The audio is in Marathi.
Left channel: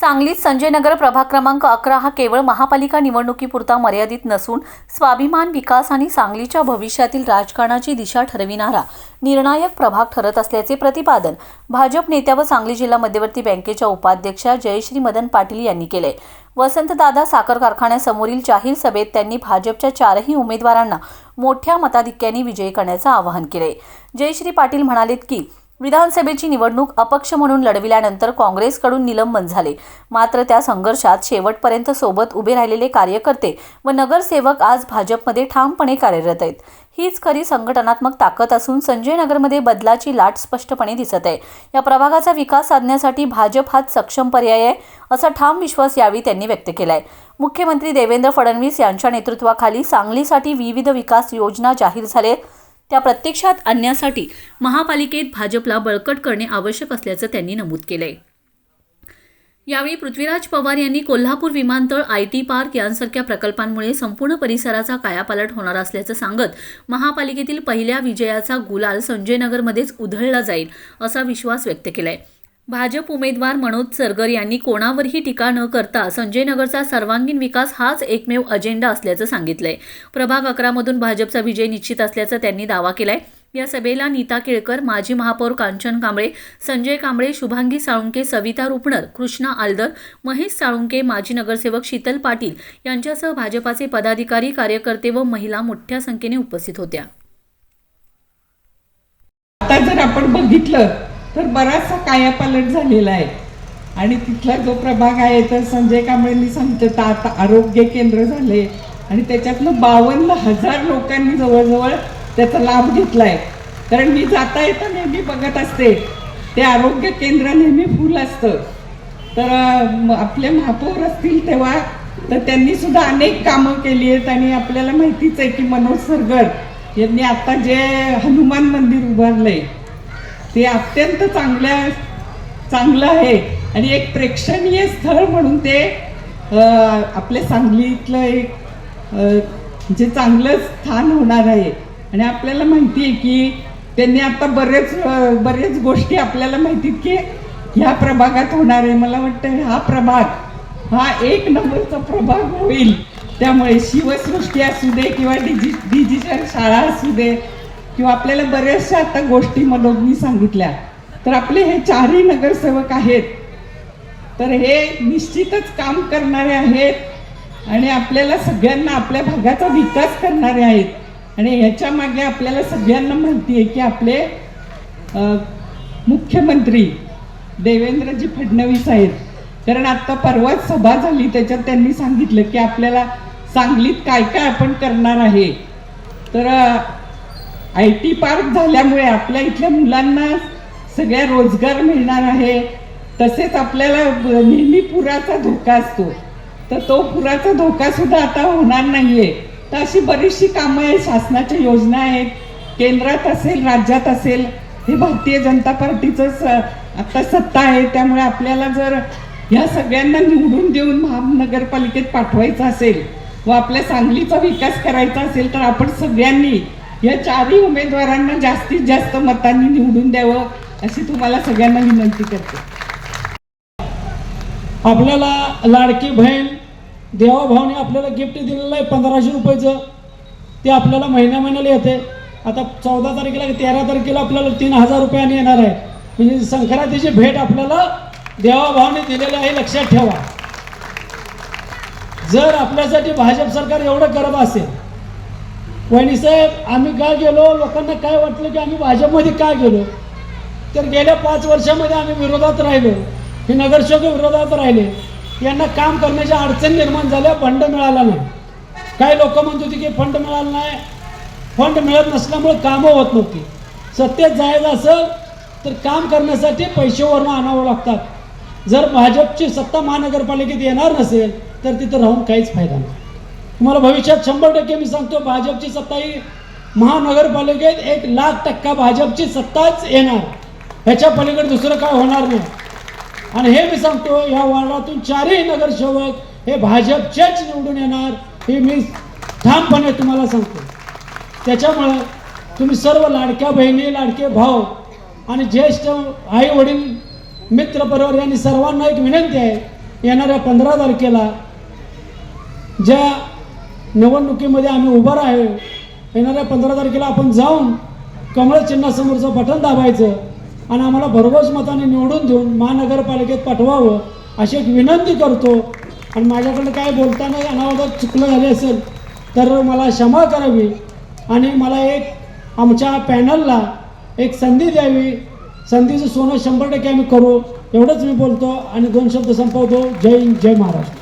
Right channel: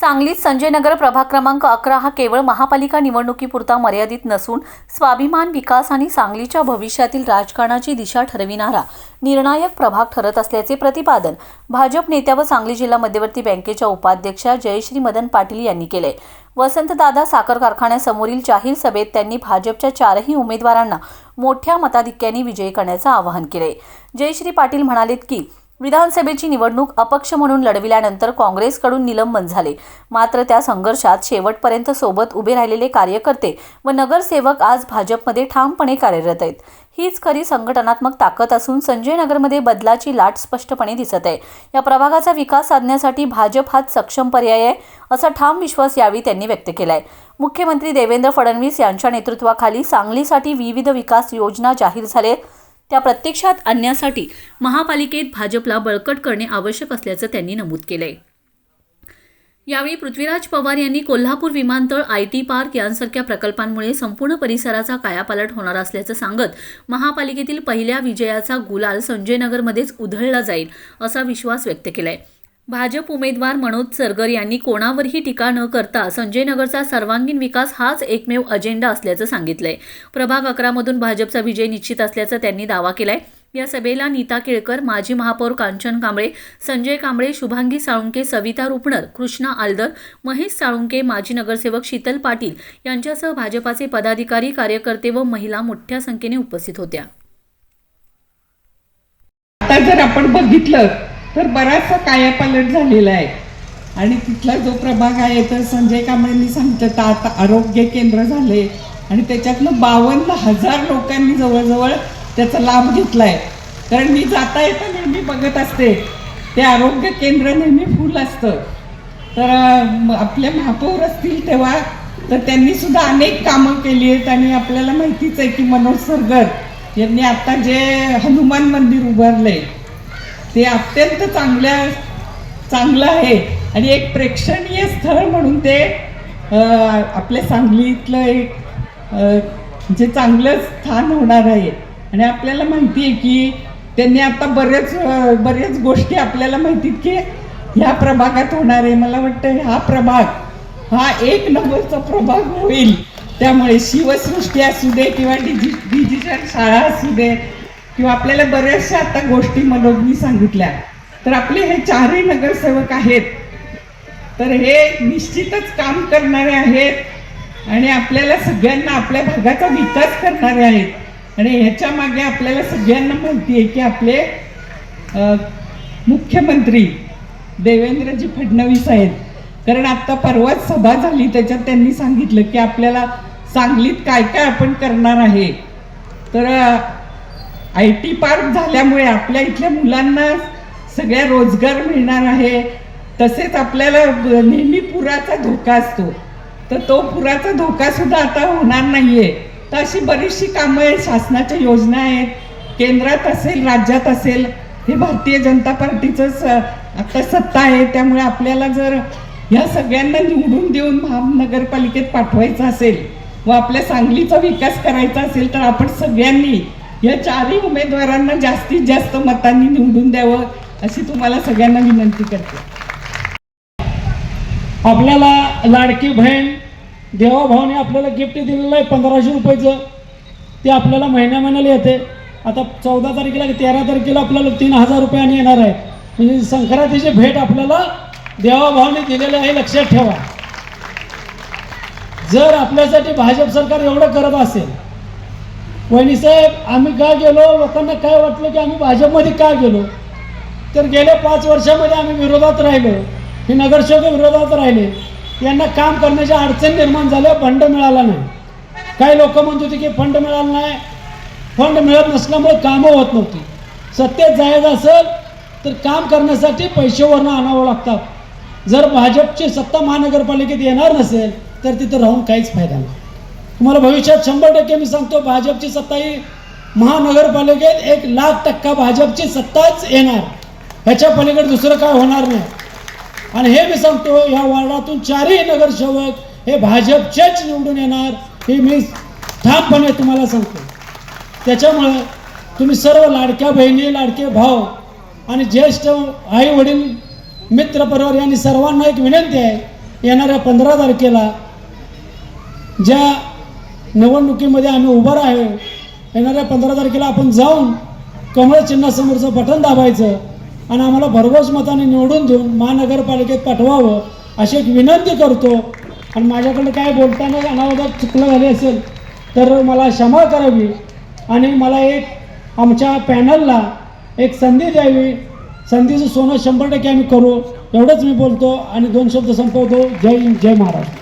सांगलीत संजयनगर प्रभाग क्रमांक अकरा हा केवळ महापालिका निवडणुकीपुरता मर्यादित नसून स्वाभिमान विकास आणि सांगलीच्या भविष्यातील राजकारणाची दिशा ठरविणारा निर्णायक प्रभाग ठरत असल्याचे प्रतिपादन भाजप नेत्या व सांगली जिल्हा मध्यवर्ती बँकेच्या उपाध्यक्षा जयश्री मदन पाटील यांनी केले. वसंतदादा साखर कारखान्यासमोरील जाहीर सभेत त्यांनी भाजपच्या चारही उमेदवारांना मोठ्या मताधिक्याने विजयी करण्याचं आवाहन केले. जयश्री पाटील म्हणालेत की विधानसभेची निवडणूक अपक्ष म्हणून लढविल्यानंतर काँग्रेसकडून निलंबन झाले. मात्र त्या संघर्षात शेवटपर्यंत सोबत उभे राहिलेले कार्यकर्ते व नगरसेवक आज भाजपमध्ये ठामपणे कार्यरत आहेत. हीच खरी संघटनात्मक ताकद असून संजय नगरमध्ये बदलाची लाट स्पष्टपणे दिसत आहे. या प्रभागाचा विकास साधण्यासाठी भाजप हाच सक्षम पर्याय आहे असा ठाम विश्वास यावेळी त्यांनी व्यक्त केला आहे मुख्यमंत्री देवेंद्र फडणवीस यांच्या नेतृत्वाखाली सांगलीसाठी विविध विकास योजना जाहीर झाले त्या प्रत्यक्षात आणण्यासाठी महापालिकेत भाजपला बळकट करणे आवश्यक असल्याचं त्यांनी नमूद केलंय. यावेळी पृथ्वीराज पवार यांनी कोल्हापूर विमानतळ आय टी पार्क यांसारख्या प्रकल्पांमुळे संपूर्ण परिसराचा कायापालट होणार असल्याचं सांगत महापालिकेतील पहिल्या विजयाचा गुलाल संजयनगरमध्येच उधळला जाईल असा विश्वास व्यक्त केला आहे भाजप उमेदवार मनोज सरगर यांनी कोणावरही टीका न करता संजय नगरचा सर्वांगीण विकास हाच एकमेव अजेंडा असल्याचं सांगितलंय. प्रभाग अकरामधून भाजपचा विजय निश्चित असल्याचा त्यांनी दावा केलाय. या सभेला नीता केळकर माजी महापौर कांचन कांबळे संजय कांबळे शुभांगी साळुंके सविता रुपणर कृष्णा आलदर महेश साळुंके माजी नगरसेवक शीतल पाटील यांच्यासह भाजपाचे पदाधिकारी कार्यकर्ते व महिला मोठ्या संख्येने उपस्थित होत्या. आता जर आपण बघितलं तर बराचसा कायापालट झालेला आहे. आणि तिथला जो प्रभाग आहे तर संजय कांबळेंनी सांगितलं तर आता आरोग्य केंद्र झाले. आणि त्याच्यातनं बावन्न हजार लोकांनी जवळजवळ त्याचा लाभ घेतला आहे कारण मी जाता येता नेहमी बघत असते ते आरोग्य केंद्र नेहमी फुल असतं. तर आपले महापौर असतील तेव्हा तर त्यांनी सुद्धा अनेक कामं केली आहेत. आणि आपल्याला माहितीच आहे की मनोज सरगर यांनी आता जे हनुमान मंदिर उभारलं आहे ते अत्यंत चांगल्या चांगलं आहे. आणि एक प्रेक्षणीय स्थळ म्हणून ते आपल्या सांगलीतलं एक जे चांगलं स्थान होणार आहे. आणि आपल्याला माहिती आहे की त्यांनी आता बरेच बरेच गोष्टी आपल्याला माहिती की ह्या प्रभागात होणार आहे. मला वाटतं हा प्रभाग हा एक नंबरचा प्रभाग होईल. त्यामुळे शिवसृष्टी असू दे किंवा डिजि डिजिटल शाळा असू दे किंवा आपल्याला बऱ्याचशा आता गोष्टी मनोजनी सांगितल्या. तर आपले हे चारही नगरसेवक आहेत. तर हे निश्चितच काम करणारे आहेत. आणि आपल्याला सगळ्यांना आपल्या भागाचा विकास करणारे आहेत. आणि ह्याच्या मागे आपल्याला सगळ्यांना माहिती आहे की आपले मुख्यमंत्री देवेंद्रजी फडणवीस आहेत. कारण आता परवाच सभा झाली त्याच्यात त्यांनी सांगितलं की आपल्याला सांगलीत काय काय आपण करणार आहे. तर आय टी पार्क झाल्यामुळे आपल्या इथल्या मुलांना सगळ्या रोजगार मिळणार आहे. तसेच आपल्याला नेहमी पुराचा धोका असतो. तर तो पुराचा धोका सुद्धा आता होणार नाहीये. तर अशी बरीचशी कामं आहेत. शासनाच्या योजना आहेत. केंद्रात असेल राज्यात असेल हे भारतीय जनता पार्टीचं स आता सत्ता आहे. त्यामुळे आपल्याला जर ह्या सगळ्यांना निवडून देऊन महानगरपालिकेत पाठवायचं असेल व आपल्या सांगलीचा विकास करायचा असेल तर आपण सगळ्यांनी या चारही उमेदवारांना जास्तीत जास्त मतांनी निवडून द्यावं अशी तुम्हाला सगळ्यांना विनंती करते. आपल्याला लाडकी बहीण देवाभावाने आपल्याला गिफ्ट दिलेलं आहे पंधराशे रुपयाचं. ते आपल्याला महिन्या महिन्याला येते. आता चौदा तारखेला तेरा तारखेला आपल्याला तीन हजार रुपयाने येणार आहे. म्हणजे संक्रांतीची भेट आपल्याला देवाभावाने दिलेली आहे लक्षात ठेवा. जर आपल्यासाठी भाजप सरकार एवढं करत असेल वहिनीसाहेब आम्ही का गेलो? लोकांना काय वाटलं की आम्ही भाजपमध्ये का गेलो? तर गेल्या पाच वर्षामध्ये आम्ही विरोधात राहिलो. हे नगरसेवक विरोधात राहिले. यांना काम करण्याच्या अडचण निर्माण झाल्या फंड मिळाला नाही. काही लोक म्हणत होते की फंड मिळाला नाही. फंड मिळत नसल्यामुळे कामं होत नव्हती. सत्तेत जायचं असेल तर काम करण्यासाठी पैसे आणावं लागतात. जर भाजपची सत्ता महानगरपालिकेत येणार नसेल तर तिथं राहून काहीच फायदा नाही. तुम्हाला भविष्यात शंभर टक्के मी सांगतो भाजपची सत्ता ही महानगरपालिकेत एक लाख टक्का भाजपची सत्ताच येणार. ह्याच्या पलीकडे दुसरं काय होणार नाही. आणि हे मी सांगतो या वार्डातून चारही नगरसेवक हे भाजपचेच निवडून येणार हे मी ठामपणे तुम्हाला सांगतो. त्याच्यामुळं तुम्ही सर्व लाडक्या बहिणी लाडके भाऊ आणि ज्येष्ठ आई वडील मित्र परिवार यांनी सर्वांना एक विनंती आहे येणाऱ्या पंधरा तारखेला ज्या निवडणुकीमध्ये आम्ही उभं आहे येणाऱ्या पंधरा तारखेला आपण जाऊन कमळ चिन्हासमोरचं बटन दाबायचं आणि आम्हाला भरघोस मताने निवडून देऊन महानगरपालिकेत पाठवावं अशी एक विनंती करतो. आणि माझ्याकडे काय बोलताना अनावधात चुकलं झाले असेल तर मला क्षमा करावी आणि मला एक आमच्या पॅनलला एक संधी द्यावी. संधीचं सोनं शंभर टक्के आम्ही करू. एवढंच मी बोलतो आणि दोन शब्द संपवतो. जय हिंद जय महाराष्ट्र.